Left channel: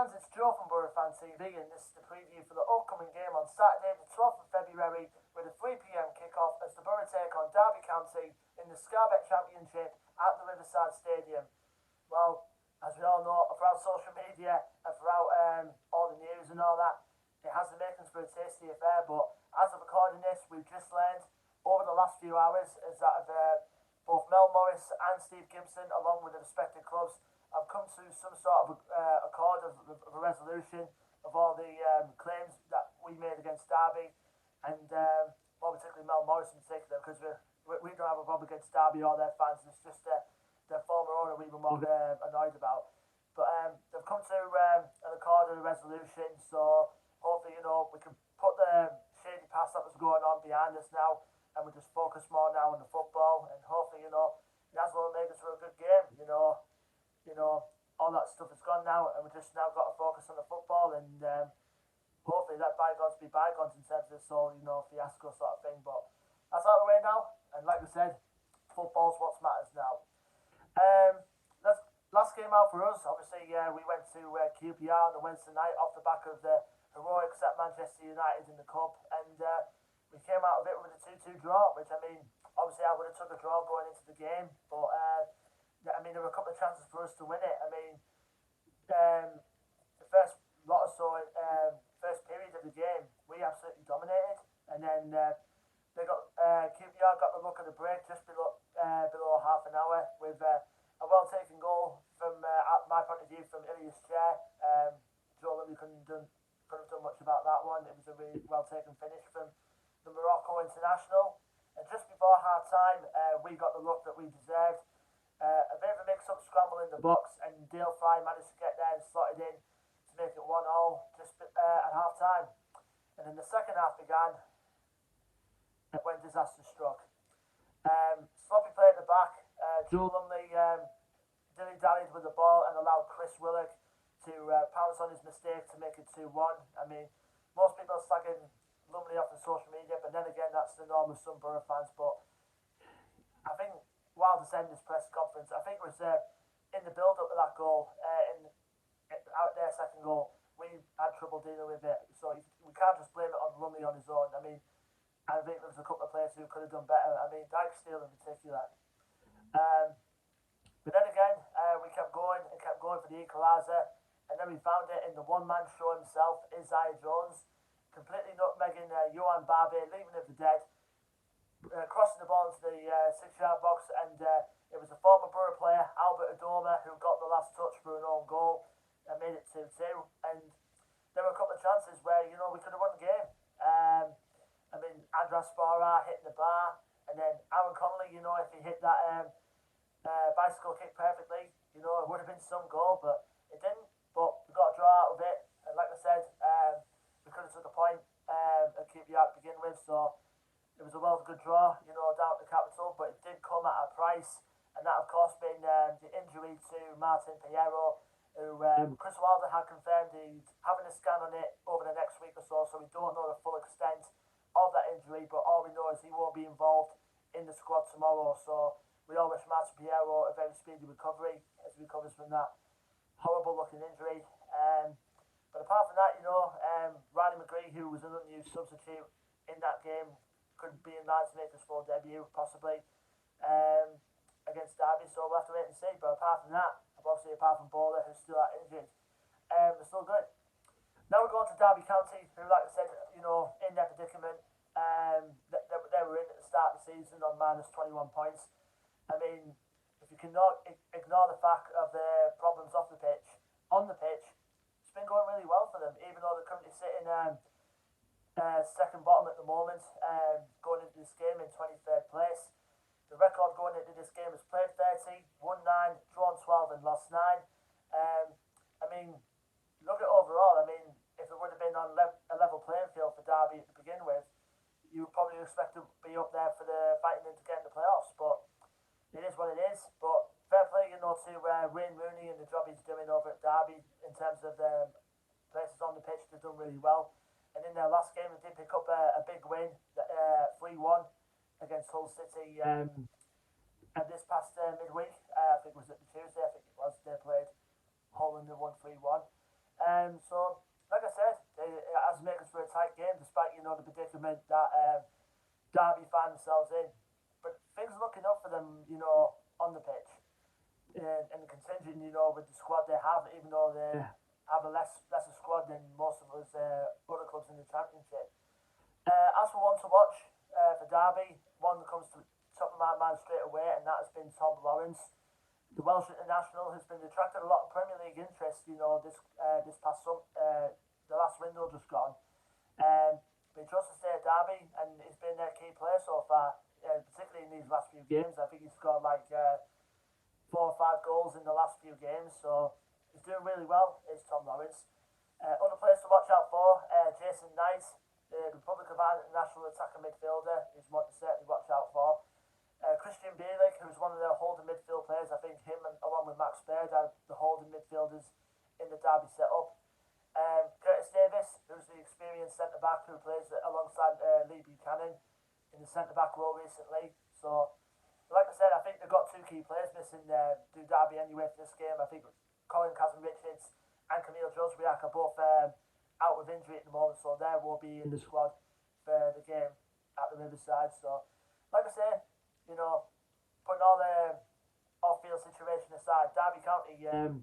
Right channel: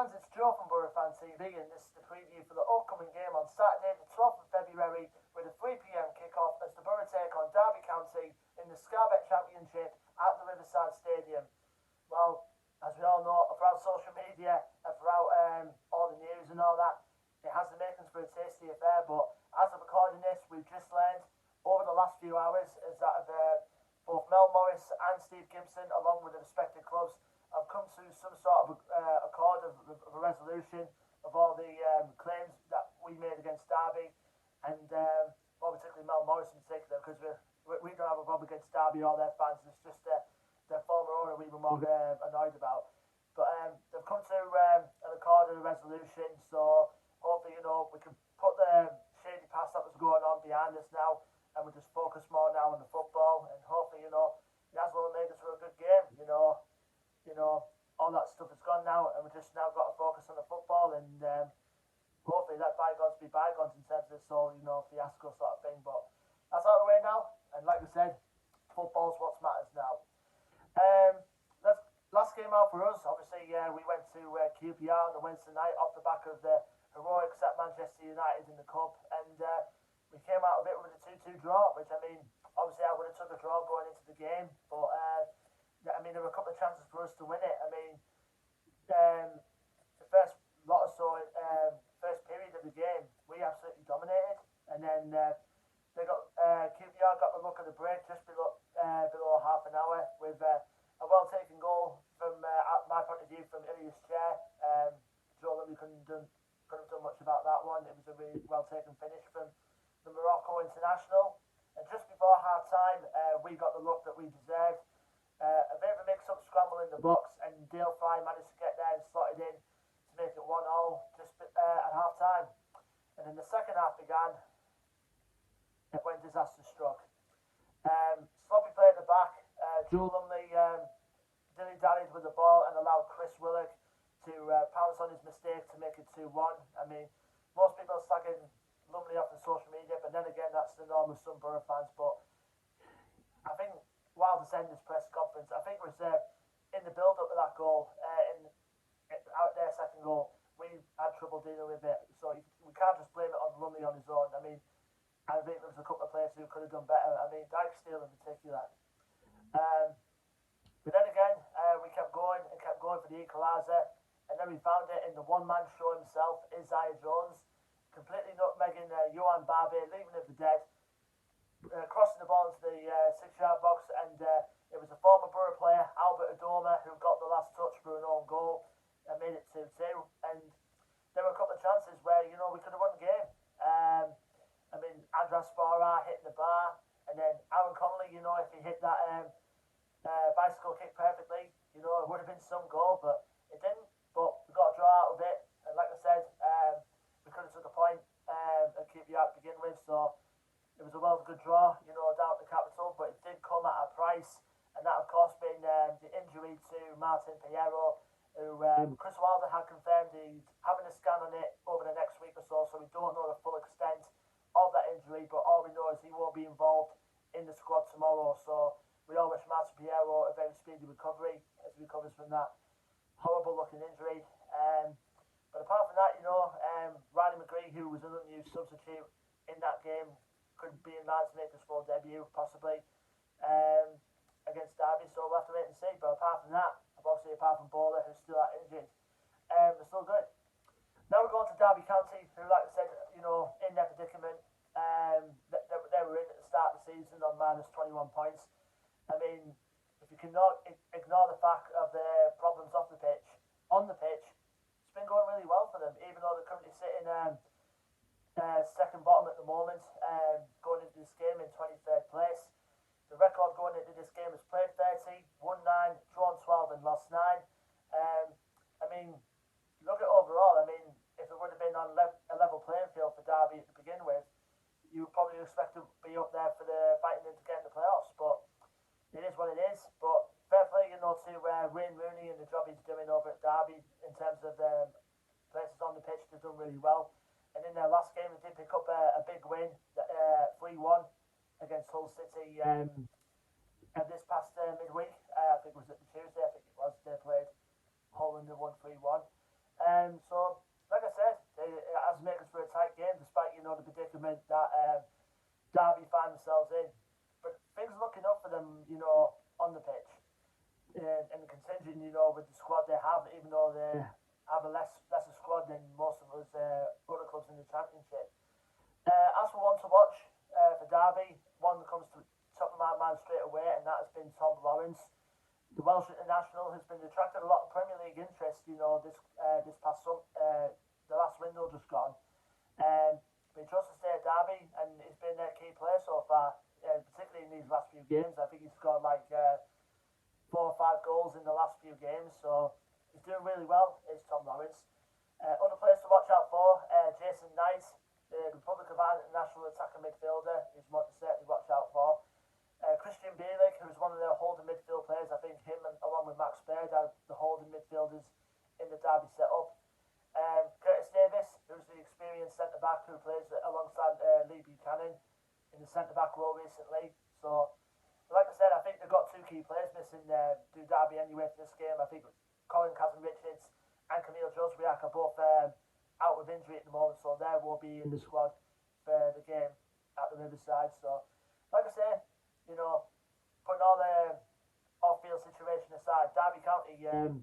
fans, it's Joe from Boro Fan TV, and this is the preview for the upcoming game on Saturday the 12th of February with a 3 p.m. kick-off as the Boro take on Derby County in the Scarbet Championship at the Riverside Stadium. Well, as we all know, throughout social media and throughout all the news and all that, it has the makings for a tasty affair, but as of recording this, we've just learned over the last few hours is that both Mel Morris and Steve Gibson, along with the respective clubs, have come to some sort of accord of a resolution of all the claims that we made against Derby, and well, particularly Mel Morris in particular, because we don't have a problem against Derby or their fans. It's just their former owner we were more annoyed about. But they've come to an accord and a resolution, so hopefully, we can put the shady past that was going on behind us now, and we just focus more now on the football, and hopefully, that's what will make us for a good game, all that stuff is gone now, and we just now got to focus on the football, and hopefully let bygones be bygones in terms of this whole, fiasco sort of thing. But that's out of the way now, and like I said, football's what matters now. Last game out for us, obviously, we went to QPR on the Wednesday night off the back of the heroics at Manchester United in the Cup, and we came out of it with a 2-2 draw, which, obviously I would have took a draw going into the game, but there were a couple of chances for us to win it. The first lot or so, first period of the game, we absolutely dominated, and then QPR got the look of the break just below half an hour with a well-taken goal from my point of view from Ilias Chair. Joe Louis couldn't have done much about that one. It was a really well-taken finish from the Morocco international. And just before half-time, we got the look that we deserved. A bit of a mix-up scramble in the box, and Dale Fry managed to get there and slot it in to make it 1-1 just at half-time. And then the second half began when disaster struck. Sloppy play at the back. Joe Lumley dilly-dallied with the ball and allowed Chris Willock to pounce on his mistake to make it 2-1. Most people are slagging Lumley off on social media, but then again, that's the norm with some Boro fans. But I think Wilder said in his press conference, I think it was in the build-up of that goal, out their second goal, we had trouble dealing with it. So we can't just blame it on Lumley on his own. I think there was a couple of players who could have done better. Dyke-Steele in particular. But then again, we kept going for the equaliser, and then we found it in the one-man show himself, Isaiah Jones, completely nutmegging Johan Barbe, leaving it for dead, crossing the ball into the 6-yard box, and it was a former Boro player, Albert Adoma, who got the last touch for an own goal and made it 2-2. And there were a couple of chances where, we could have won the game. Andras Farah hitting the bar, and then Aaron Connolly, if he hit that bicycle kick perfectly, it would have been some goal, but it didn't. But we got a draw out of it, and like I said, we could have took a point at QPR to begin with, so it was a good draw, down at the capital, but it did come at a price, and that of course being the injury to Martin Piero, who Chris Wilder had confirmed he's having a scan on it over the next week or so we don't know the full extent of that injury, but all we know is he won't be involved in the squad tomorrow, so we all wish Martin Piero a very speedy recovery as he recovers from that horrible looking injury. But apart from that, Riley McGree, who was an unused substitute in that game, could be in line to make his full debut, possibly, against Derby, so we'll have to wait and see. But apart from that, obviously apart from Bowler, who's still out injured, they're still good. Now we're going to Derby County, who, like I said, in their predicament, they were in at the start of the season on minus 21 points. If you cannot ignore the fact of their problems off the pitch, on the pitch, it's been going really well for them, even though they're currently sitting second bottom at the moment, going into this game in 23rd place. The record going into this game is played 30, won 9, drawn 12 and lost 9. Look at overall, if it would have been on a level playing field for Derby to begin with, you would probably expect to be up there for the fighting to get in the playoffs, but it is what it is. But fair play, to Wayne Rooney and the job he's doing over at Derby in terms of places on the pitch. They've done really well. And in their last game, they did pick up a big win, 3-1 against Hull City this past midweek. I think it was at the Tuesday. I think it was. They played Hull and they won 3-1. So, like I said, it has made us for a tight game, despite the predicament that Derby find themselves in. But things are looking up for them, on the pitch, and contingent, with the squad they have, even though they have a lesser squad than most of us other clubs in the Championship. As for one to watch for Derby, one that comes to the top of my mind straight away, and that has been Tom Lawrence. The Welsh international has been attracted a lot of Premier League interest, this past the last window just gone. But he chose to stay at Derby, and he's been their key player so far, particularly in these last few games. I think he's scored like 4 or 5 goals in the last few games, so he's doing really well, is Tom Lawrence. Other players to watch out for, Jason Knight, the Republic of Ireland national attacking midfielder, is one to certainly watch out for. Christian Bielik, who's one of their holding midfield players. I think him, along with Max Baird, are the holding midfielders in the Derby setup. Curtis Davis, who's the experienced centre-back who plays alongside Lee Buchanan in the centre-back role recently. So, like I said, I think they've got 2 key players missing to Derby anyway for this game. I think Colin Kazan-Richards and Camille Joswiak are both out with injury at the moment, so they will be in the squad for the game at the Riverside. So, like I say, putting all the off-field situation aside, Derby County, have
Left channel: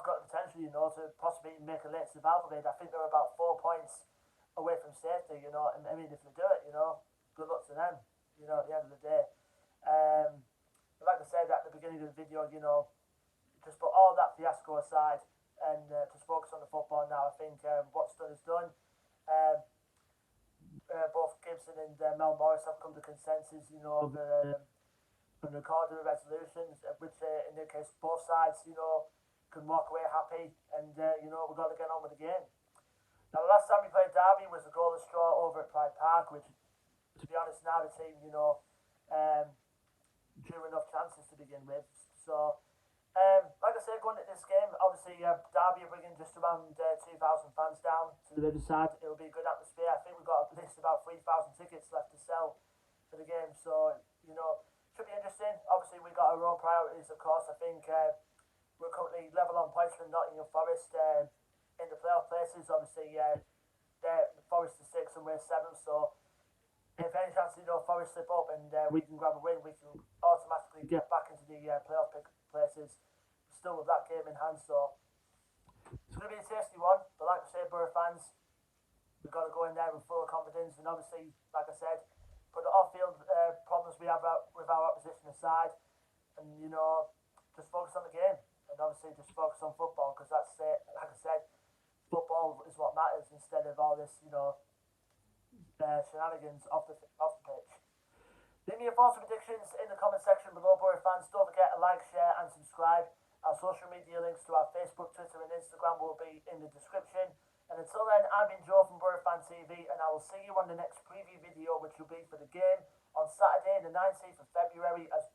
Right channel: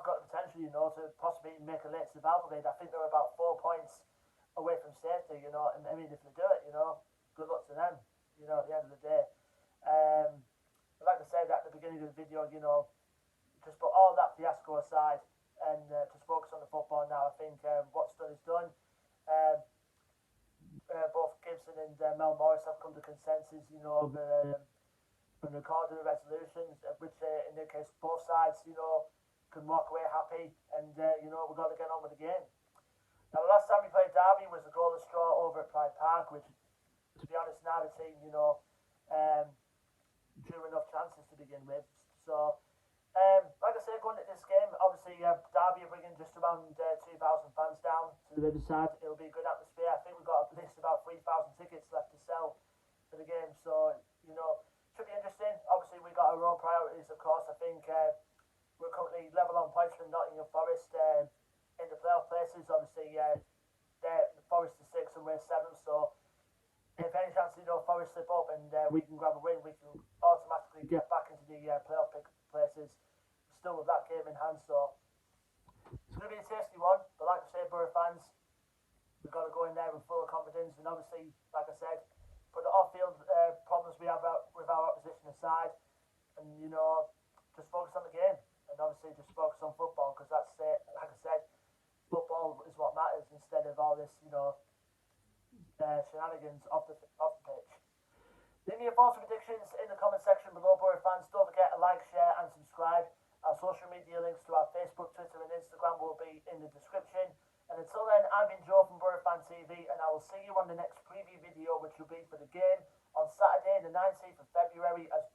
got the potential, to possibly make a late survival bid. I think they're about 4 points away from safety, and I mean, if they do it, good luck to them, at the end of the day. But like I said at the beginning of the video, just put all that fiasco aside and just focus on the football now. I think what's done is done. Both Gibson and Mel Morris have come to consensus, over recording the resolutions, which in their case both sides, can walk away happy, and we've got to get on with the game. Now, the last time we played Derby was a goalless draw over at Pride Park, which, to be honest, now the team, drew enough chances to begin with. So, like I said, going into this game, obviously Derby are bringing just around 2,000 fans down to the Riverside. It'll be a good atmosphere. I think we've got at least about 3,000 tickets left to sell for the game. So, should be interesting. Obviously, we've got our own priorities, of course. I think we're currently level on points with Nottingham Forest in the playoff places. Obviously, Forest is 6 and we're 7. So, if any chance, Forest slip up and we can grab a win, we can automatically get back into the playoff places. Still with that game in hand, so it's going to be a tasty one. But like I say, Boro fans, we've got to go in there with full confidence, and obviously, like I said, put the off-field problems we have with our opposition aside, and just focus on the game, and obviously just focus on football, because that's it. Like I said, football is what matters instead of all this, shenanigans off the pitch. Leave me your thoughts and predictions in the comment section below, Boro fans. Don't forget to like, share, and subscribe. Our social media links to our Facebook, Twitter, and Instagram will be in the description. And until then, I've been Joe from Boro Fan TV, and I will see you on the next preview video, which will be for the game on Saturday, the 19th of February, as